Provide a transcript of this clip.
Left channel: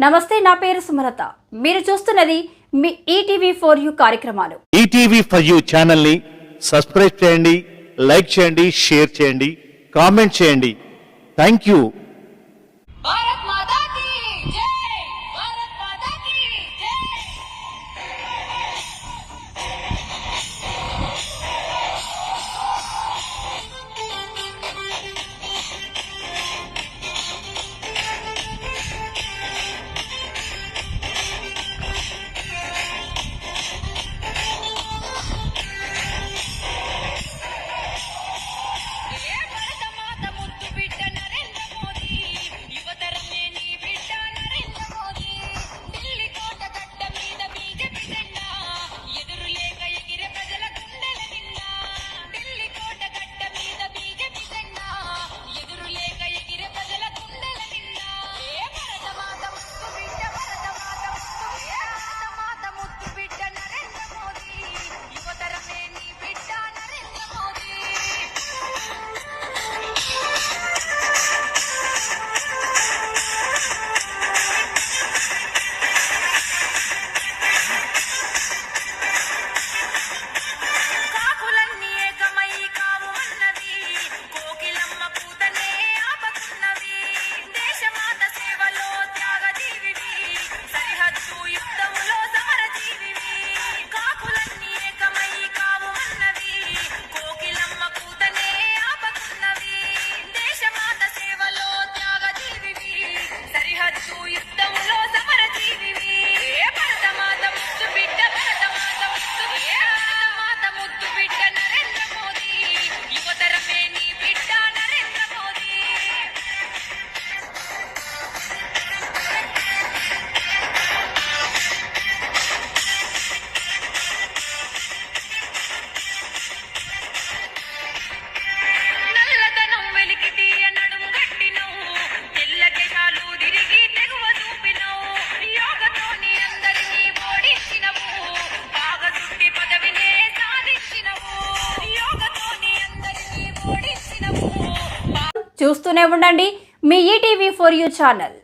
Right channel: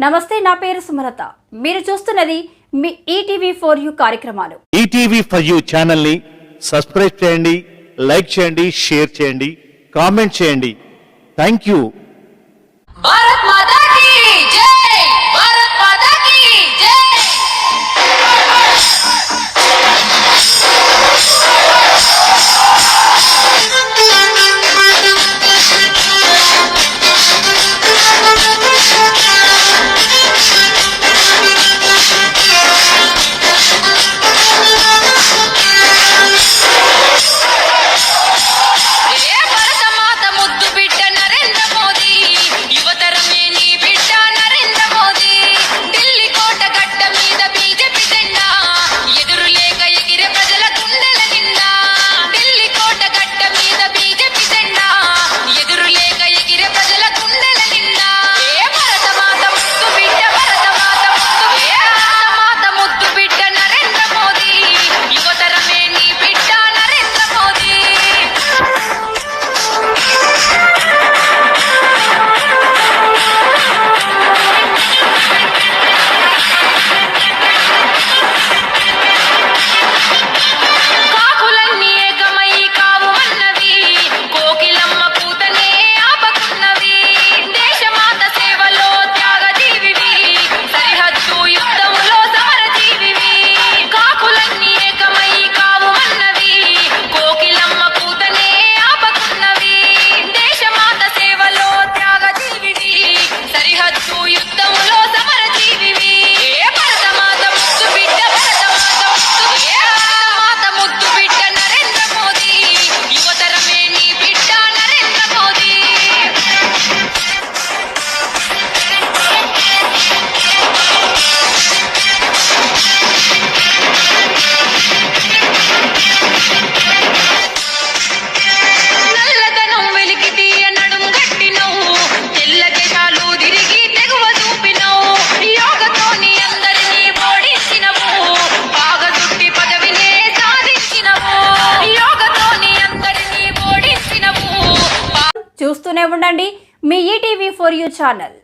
నమస్తే నా పేరు సుమలత. మీరు చూస్తున్నది మీ ఈటీవీ ఫోర్ యూ కార్యక్రమాలు. ఈటీవీ ఫర్ యూ ఛానల్ని సబ్స్క్రైబ్ చేయండి లైక్ చేయండి షేర్ చేయండి కామెంట్ చేయండి. థ్యాంక్ యూ చూస్తూనే ఉండండి మీ ఈటీవీ ఫోర్ యూ ఛానల్.